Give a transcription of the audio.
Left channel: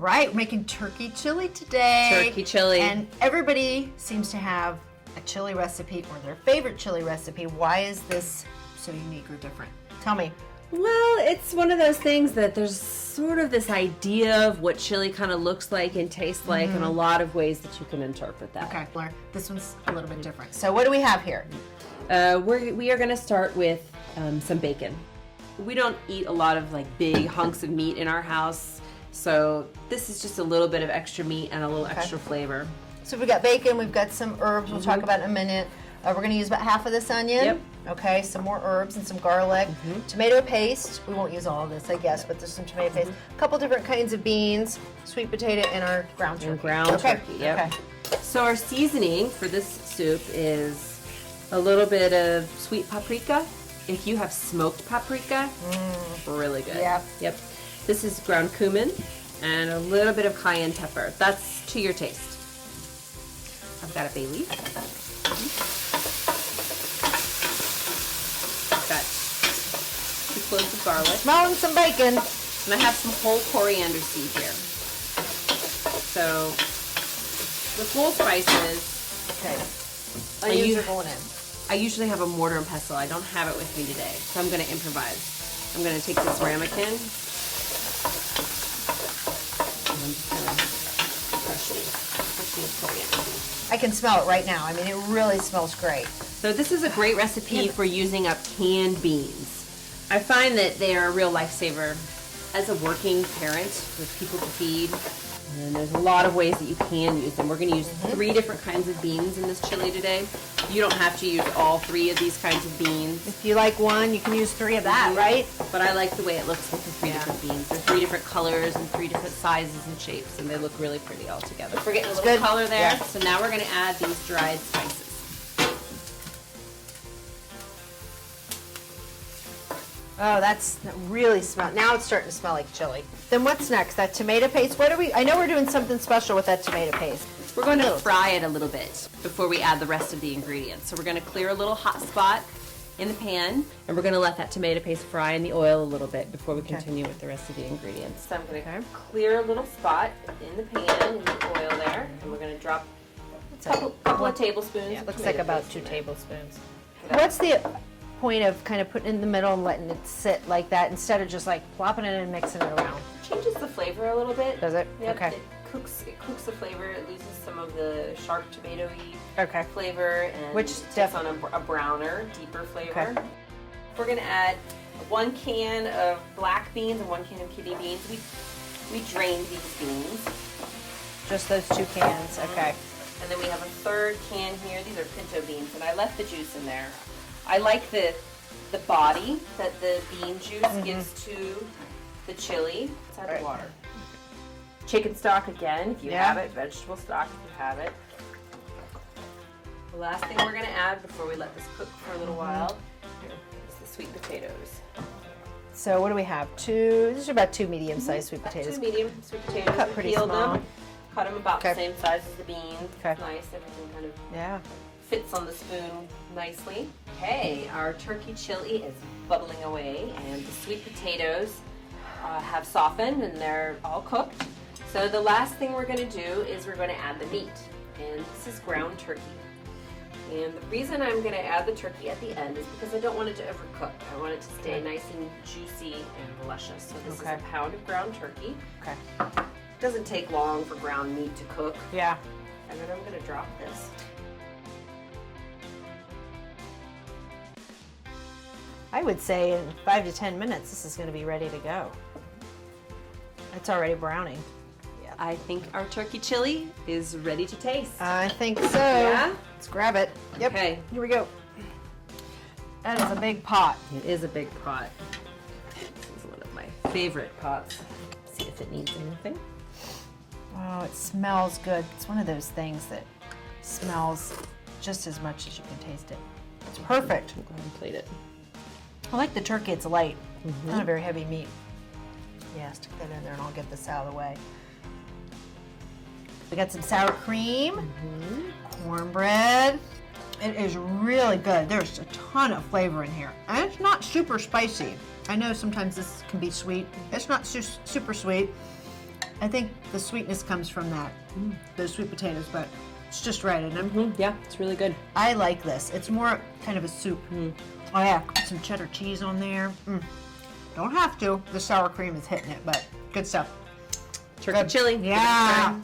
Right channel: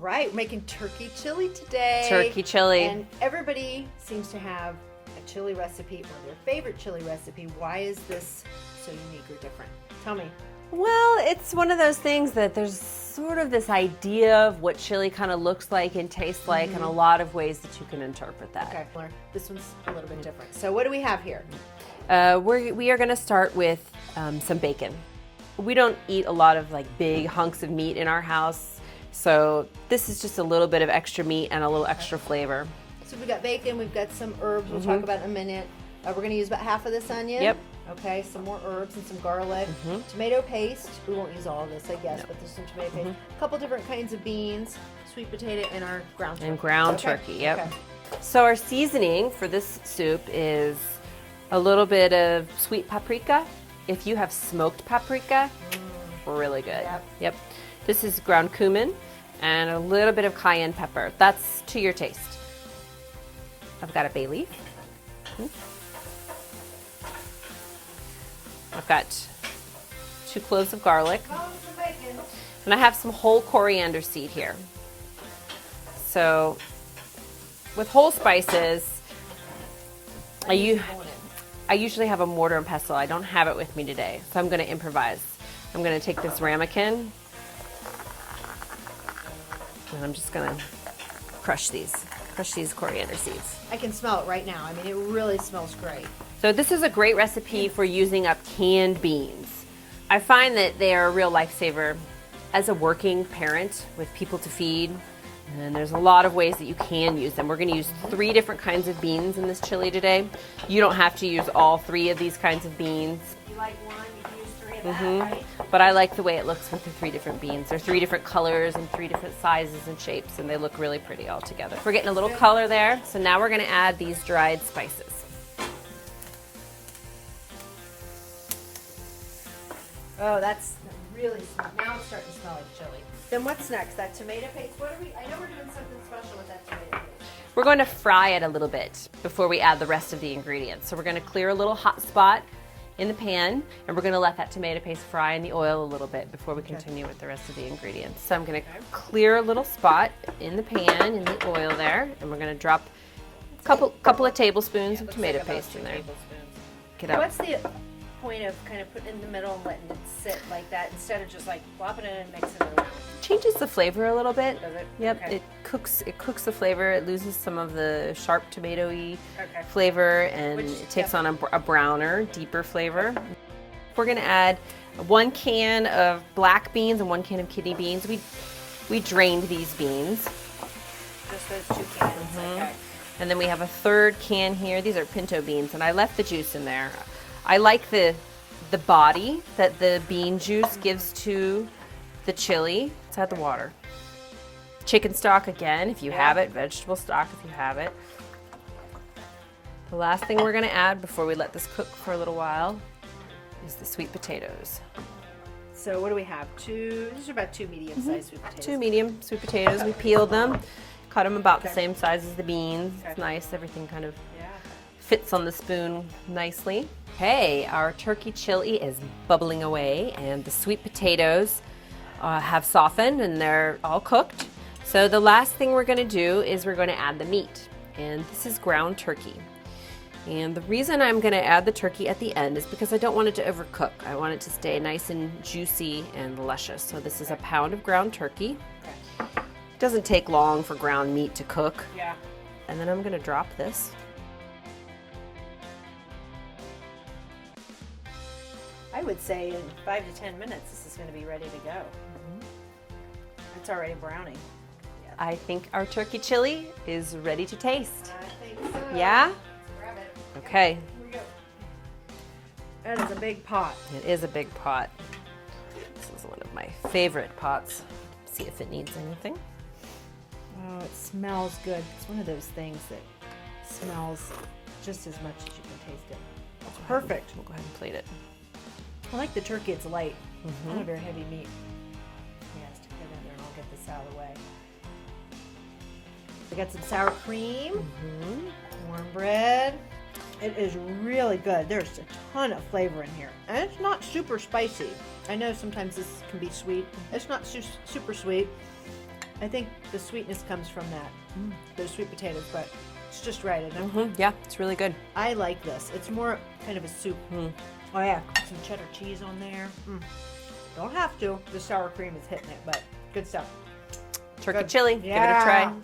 right, we're making turkey chili today. Turkey chili. And everybody seems to have a chili recipe or their favorite chili recipe. Why is this so unique or different? Tell me. Well, it's one of those things that there's sort of this idea of what chili kind of looks like and tastes like, and a lot of ways that you can interpret that. Okay, this one's a little bit different. So what do we have here? We are going to start with some bacon. We don't eat a lot of like big hunks of meat in our house, so this is just a little bit of extra meat and a little extra flavor. So we've got bacon, we've got some herbs we'll talk about in a minute. We're going to use about half of this onion. Yep. Okay, some more herbs and some garlic. Tomato paste. We won't use all of this, I guess, but there's some tomato paste. A couple different kinds of beans, sweet potato, and our ground turkey. Turkey, yep. Okay. So our seasoning for this soup is a little bit of sweet paprika. If you have smoked paprika, really good. Yep. This is ground cumin and a little bit of cayenne pepper. That's to your taste. I've got a bay leaf. I've got 2 cloves of garlic. Smelling some bacon. And I have some whole coriander seed here. So with whole spices, I usually going in. I usually have a mortar and pestle. I don't have it with me today, so I'm going to improvise. I'm going to take this ramekin, and I'm just going to crush these coriander seeds. I can smell it right now. I mean, it really smells great. So this is a great recipe for using up canned beans. I find that they are a real lifesaver as a working parent with people to feed. And there's a lot of ways that you can use them. We're going to use 3 different kinds of beans in this chili today. You don't have to use all 3 of these kinds of beans. If you like one, you can use 3 of that, right? But I like the way it looks with the 3 different beans. They're 3 different colors and 3 different sizes and shapes, and they look really pretty all together. We're getting a little color there, so now we're going to add these dried spices. Oh, that really smells. Now it's starting to smell like chili. Then what's next? That tomato paste. What are we? I know we're doing something special with that tomato paste. We're going to fry it a little bit before we add the rest of the ingredients. So we're going to clear a little hot spot in the pan, and we're going to let that tomato paste fry in the oil a little bit before we continue with the rest of the ingredients. So I'm going to clear a little spot in the pan, in the oil there, and we're going to drop a couple of tablespoons of tomato paste in there. Tablespoons. What's the point of kind of putting it in the middle and letting it sit like that instead of just like plopping it in and mixing it around? Changes the flavor a little bit. Does it? Yep. Okay. It cooks the flavor. It loses some of the sharp tomatoey flavor, and it takes on a browner, deeper flavor. Okay. We're going to add 1 can of black beans and 1 can of kidney beans. We drained these beans. Just those 2 cans. Okay. And then we have a 3rd can here. These are pinto beans, and I left the juice in there. I like the body that the bean juice gives to the chili. Let's add the water. Chicken stock again, if you have it. Vegetable stock, if you have it. The last thing we're going to add before we let this cook for a little while is the sweet potatoes. So what do we have? These are about 2 medium-sized sweet potatoes. 2 medium sweet potatoes. We peeled them, cut them about the same size as the beans. It's nice. Everything kind of fits on the spoon nicely. Okay, our turkey chili is bubbling away, and the sweet potatoes have softened and they're all cooked. So the last thing we're going to do is we're going to add the meat, and this is ground turkey. And the reason I'm going to add the turkey at the end is because I don't want it to overcook. I want it to stay nice and juicy and luscious. So this is a pound of ground turkey. It doesn't take long for ground meat to cook. Yeah. And then I'm going to drop this. I would say in 5 to 10 minutes, this is going to be ready to go. It's already browning. Yeah. I think our turkey chili is ready to taste. I think so. Yeah? Let's grab it. Yep. Okay. Here we go. That is a big pot. It is a big pot. This is one of my favorite pots. See if it needs anything. Oh, it smells good. It's one of those things that smells just as much as you can taste it. It's perfect. We'll go ahead and plate it. I like the turkey. It's light. Not a very heavy meat. Yeah, stick that in there and I'll get this out of the way. I got some sour cream, cornbread. It is really good. There's a ton of flavor in here. And it's not super spicy. I know sometimes this can be sweet. It's not super sweet. I think the sweetness comes from that, those sweet potatoes, but it's just right, isn't it? Yeah, it's really good. I like this. It's more kind of a soup. Oh yeah, put some cheddar cheese on there. Don't have to. The sour cream is hitting it, but good stuff. Turkey chili. Yeah. Give it a try.